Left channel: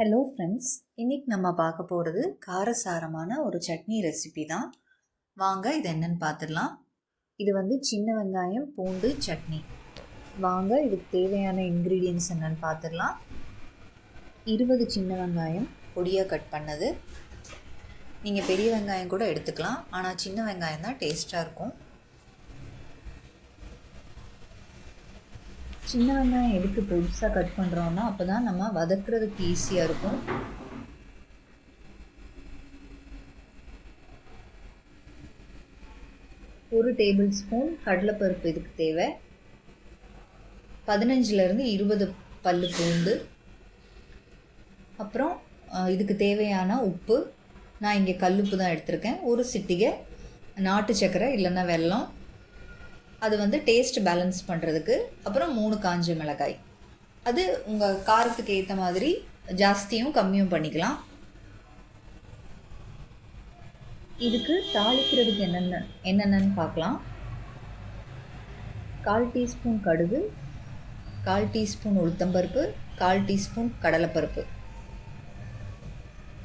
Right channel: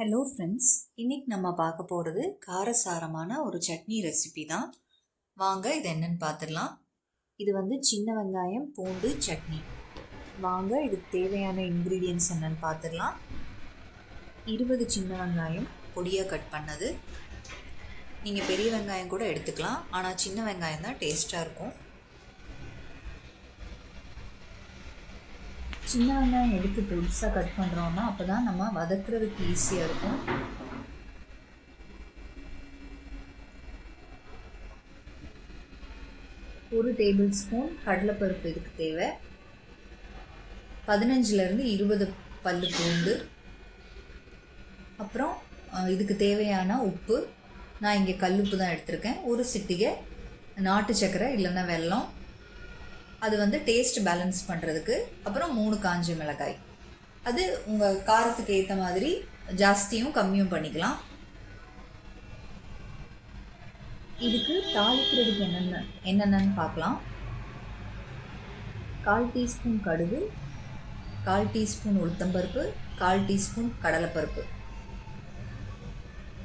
Hello friends, இன்றைக்கி நம்ம பார்க்க போகிறது காரசாரமான ஒரு சட்னி ரெசிபி தான். வாங்க இது என்னன்னு பார்த்துடலாம். இது சின்ன வெங்காயம் பூண்டு சட்னி. வாங்க இதுக்கு தேவையான இன்க்ரீடியன்ட்ஸ் என்னென்னு பார்த்துடலாம். 20 சின்ன வெங்காயம் பொடியாக கட் பண்ணது. நீங்கள் பெரிய வெங்காயம் கூட எடுத்துக்கலாம், ஆனால் சின்ன வெங்காயம் தான் டேஸ்ட்டாக இருக்கும். சின்ன வெங்காயம் எதுக்கு பெருசாக கட் பண்ணுறோன்னா அப்போ தான் நம்ம வதக்குறதுக்கு ஈஸியாக இருக்கும். ஒரு டேபிள் ஸ்பூன் கடலைப்பருப்பு இதுக்கு தேவை. 15லேருந்து 20 பல்லு பூண்டு. அப்புறம் இதுக்கு தேவையான உப்பு. நான் இங்கே கல்லுப்பு தான் எடுத்திருக்கேன். ஒரு சிட்டிகை நாட்டு சர்க்கரை இல்லைன்னா வெல்லம், அது டேஸ்ட் பேலன்ஸ் பண்ணுறதுக்கு. அப்புறம் 3 காஞ்ச மிளகாய். அது உங்கள் காரத்துக்கு ஏற்ற மாதிரி ஜாஸ்தியும் கம்மியும் பண்ணிக்கலாம். இதுக்கு தாளிக்கிறதுக்கு என்னென்னு பார்க்கலாம். 1/4 டீஸ்பூன் கடுகு, 1/4 டீஸ்பூன் உளுத்தம்பருப்பு, 1/4 டீஸ்பூன் கடலைப்பருப்பு.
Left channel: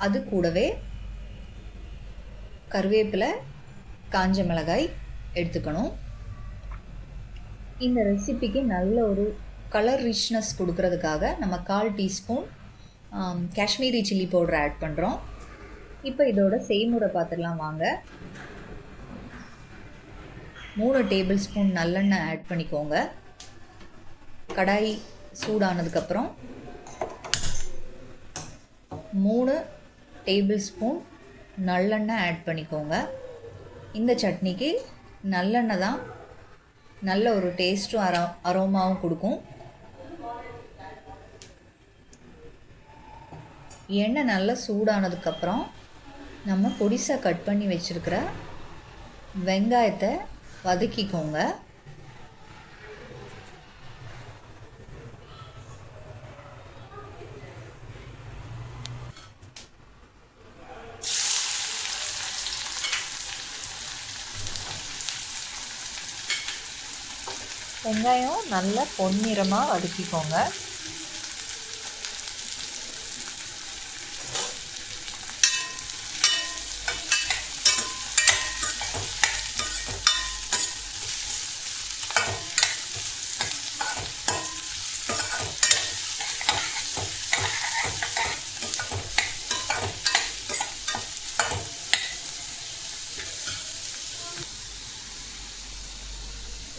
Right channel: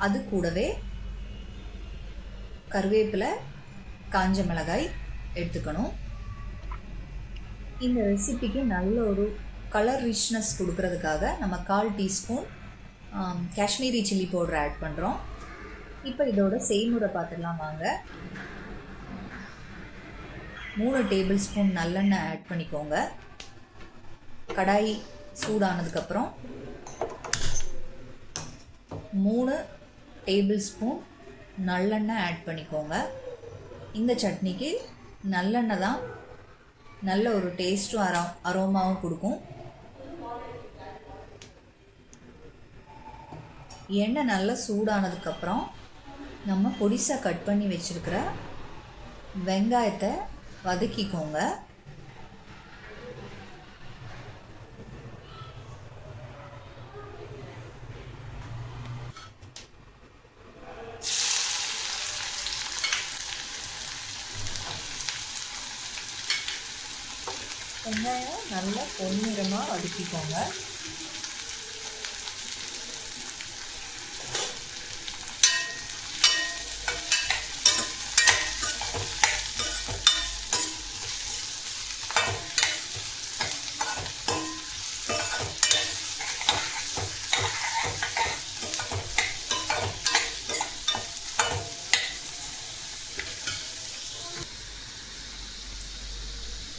அது கூடவே கருவேப்பிலை, காஞ்ச மிளகாய் எடுத்துக்கணும். இந்த ரெசிபிக்கு நல்ல ஒரு கலர் ரிச்னஸ் கொடுக்கறதுக்காக நம்ம 1/4 teaspoon Kashmiri chilli powder add பண்ணுறோம். இப்போ இதோட செய்முறை பார்த்துடலாம் வாங்க. 3 டேபிள் ஸ்பூன் நல்லெண்ணெய் ஆட் பண்ணிக்கோங்க. கடாய் சூடானதுக்கப்புறம் 3 டேபிள் ஸ்பூன் நல்லெண்ணெய் ஆட் பண்ணிக்கோங்க. இந்த சட்னிக்கு நல்லெண்ணெய் தான் நல்ல ஒரு டேஸ்ட்டும் அரோமாவும் கொடுக்கும். எண்ணெய் நல்லா சூடானதுக்கப்புறம் நம்ம பொடிசாக கட் பண்ணி வச்சுருக்கிற வெங்காயத்தை வதக்கிக்கோங்க. வெங்காயம் நல்லா பொன்னிறமாக வதக்கிக்கோங்க.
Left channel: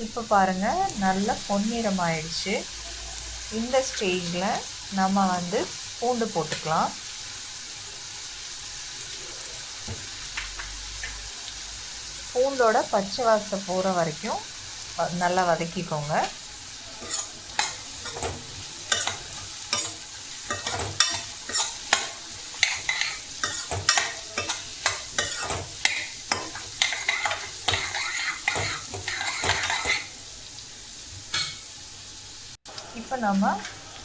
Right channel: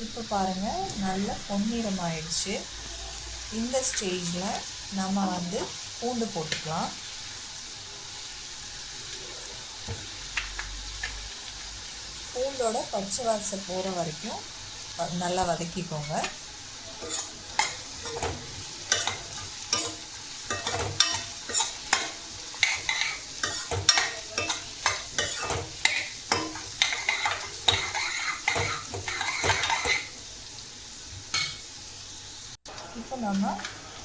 இப்போ பாருங்கள், நல்ல பொன்னிறம் ஆயிடுச்சு. இந்த ஸ்டேஜில் நம்ம பூண்டு போட்டுக்கலாம். பூண்டோட பச்சை வாசம் போகிற வரைக்கும் நல்லா வதக்கிக்கோங்க. இப்போ நம்ம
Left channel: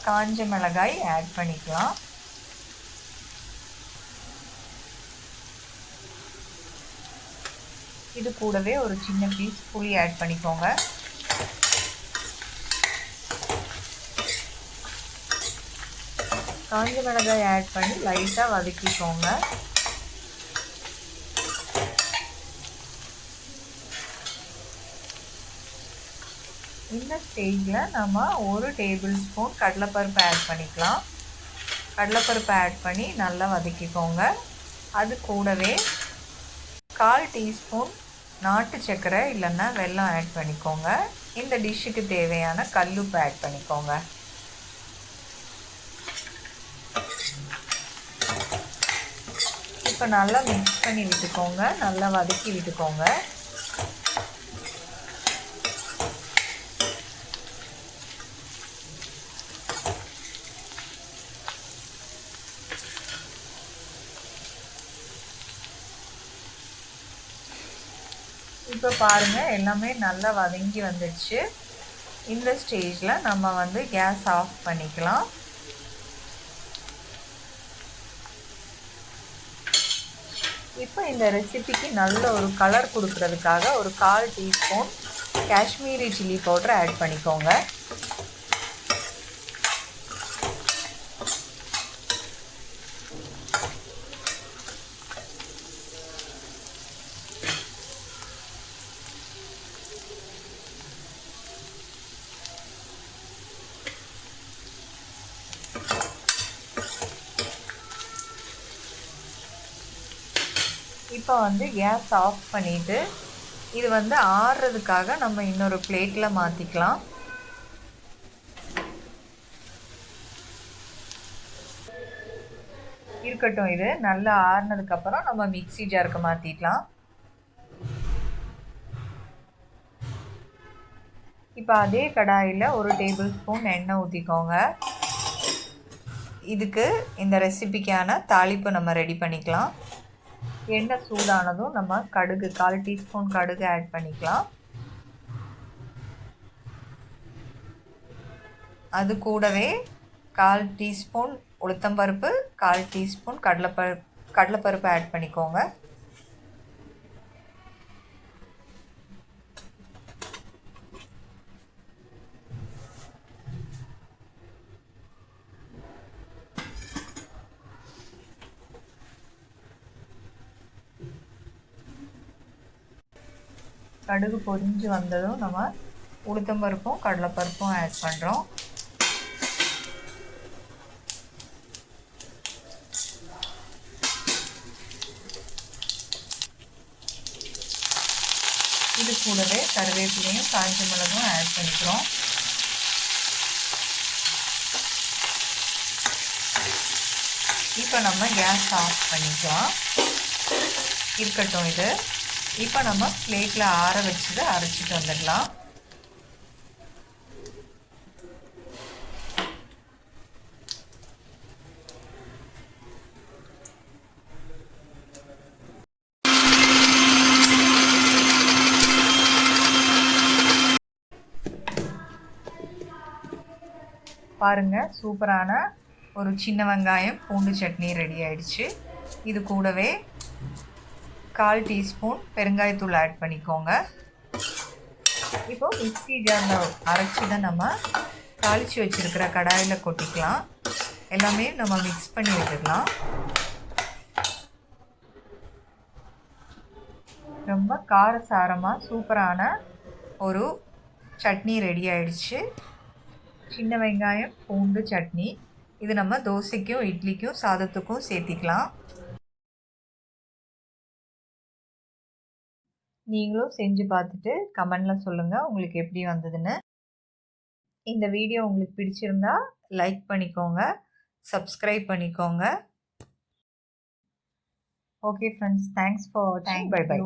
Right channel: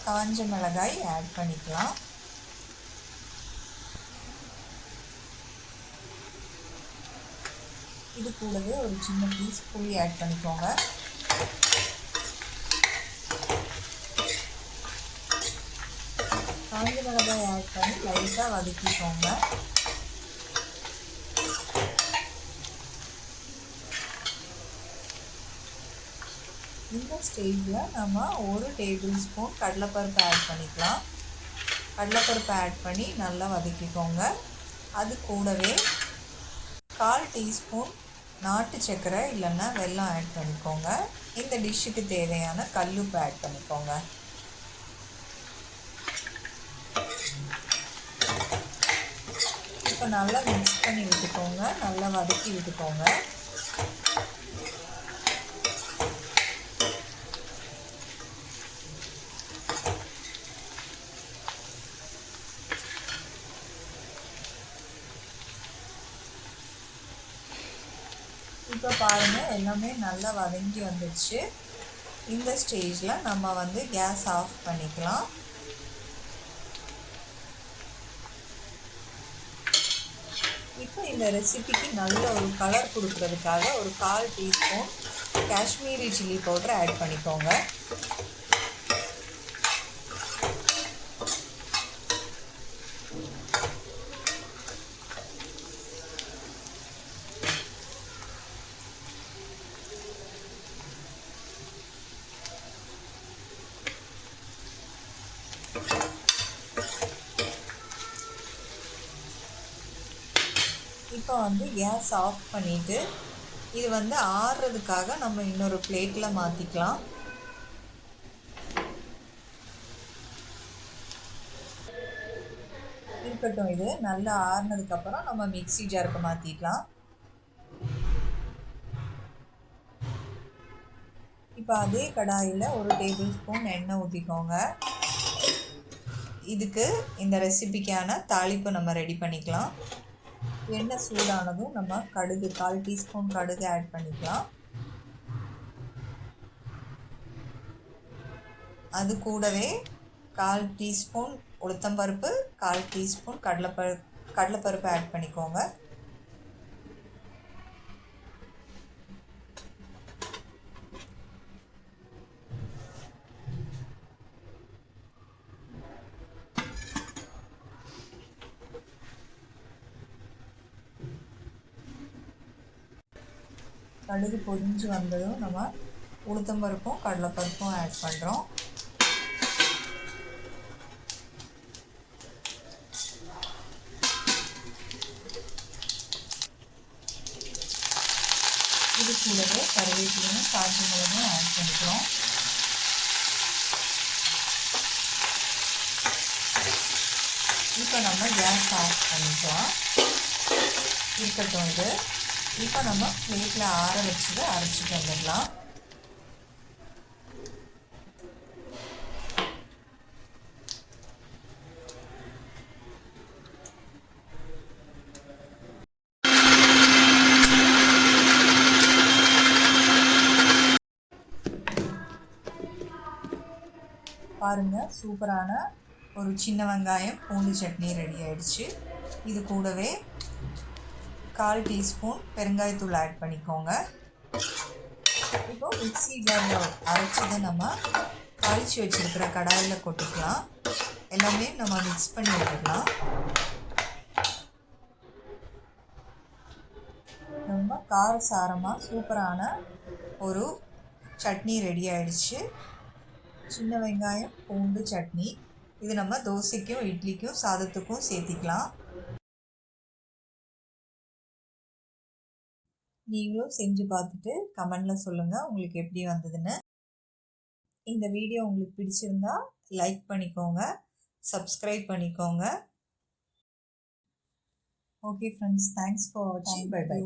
காஞ்ச மிளகாய் ஆட் பண்ணிக்கலாம். இது கூடவே ஒரு சின்ன பீஸ் புளி ஆட் பண்ணிக்கோங்க. காஞ்ச மிளகாய் ஆட் பண்ணி லைட்டாக வதக்கிக்கோங்க. இந்த ஸ்டேஜில் நம்ம 1 டேபிள் ஸ்பூன் கடலைப்பருப்பு ஆட் பண்ணிக்கலாம். கடலைப்பருப்பு ஆட் பண்ணி நல்லா வதக்கிக்கோங்க. அது கூடவே 1/4 டீஸ்பூன் நாட்டு சர்க்கரை இல்லைன்னா வெல்லம் ஆட் பண்ணிக்கோங்க. இந்த டிஷ்ஷுக்கு தேவையான கல்லுப்பு ஆட் பண்ணிக்கோங்க. இப்போ நல்லா மிக்ஸ் பண்ணி விட்டுக்கோங்க, நல்லா வதக்கி விட்டுக்கோங்க. இப்போ பாருங்கள், எல்லாமே நல்லா வதங்கி வந்துடுச்சு. இந்த ஸ்டேஜில் நம்ம கேஸ் ஆஃப் பண்ணிக்கலாம். இப்போ இந்த ரெசிபிக்கு நல்ல ஒரு கலர் கொடுக்கறதுக்காக ஒரு 1/4 teaspoon Kashmiri chilli powder add பண்ணிக்கோங்க. இப்போ வந்து கேஸ் ஆஃப் பண்ணிவிட்டு இது வந்து ஆறுறதுக்காக நம்ம இன்னொரு பிளேட்டில் மாற்றிக்கலாம். இருக்கட்டும், இது நல்லா ஆறுனதுக்கப்புறம் நம்ம மிக்ஸி ஜாருக்கு மாற்றிக்கலாம். இப்போ அதே கடாயில் ஒரு டேபிள் ஸ்பூன் எண்ணெய் ஊற்றிக்கோங்க. இதுக்கு இந்த ரெசிபிக்கான தாளிப்பு நம்ம ரெடி பண்ணிக்கலாம். எண்ணெய் சூடானதும் நம்ம கடுகு 1/4 டீஸ்பூன் கடுகு ஆட் பண்ணிக்கலாம். அது கூடவே 1/4 டீஸ்பூன் உளுத்தம்பருப்பு, 1/4 டீஸ்பூன் கடலைப்பருப்பு ஆட் பண்ணிக்கோங்க. கடுகு பொரிஞ்சு வந்ததும் நம்ம உளுத்தம்பருப்பும் கடலைப்பருப்பும் ஆட் பண்ணுறோம். இது கூடவே கருவேப்பிலையும் காஞ்ச மிளகும் ஆட் பண்ணிக்கிறோம். இப்போ நம்ம கேஸ் ஆஃப் பண்ணிக்கலாம். இருக்கட்டும் இது. இப்போ நம்ம பிளேட்டில் ஆற வச்சுட்டு அரைச்சிட்டு வந்துடலாம். பாருங்கள், சூப்பரான ஒரு சின்ன வெங்காயம் பூண்டு சட்னி ரெடி ஆயிடுச்சு. இது கூடவே 1/4 டீஸ்பூன் பெருங்காயத்தூள் ஆட் பண்ணிக்கோங்க. இப்போ மிக்ஸி ஜாரில் அரைச்சி தான் நம்ம தாளித்து வச்சுருக்கிற கடாயில் கொட்டிக்கலாம். எல்லாமே நம்ம மிக்ஸ் பண்ணி விட்டுக்கலாம். ரொம்ப காரசாரமாக சூப்பரான ஒரு சட்னி ரெடி ஆயிடுச்சு. சின்ன வெங்காயம் பூண்டு சட்னி. இது நம்ம தோசைக்கும் இட்லிக்கும் சாதத்துக்கும் சேர்த்திக்கலாம். நீங்களும் செஞ்சு பார்த்துட்டு கமெண்டில் சொல்லுங்கள் உங்களுக்கு எப்படி வந்ததுன்னு. இந்த வீடியோ உங்களுக்கு பிடிச்சிருந்தா லைக் பண்ணிக்கோங்க, சப்ஸ்கிரைப் பண்ணிக்கோங்க. ஓகே ஃப்ரெண்ட்ஸ், தேங்க்ஸ் ஃபார் வாட்சிங். Bye by.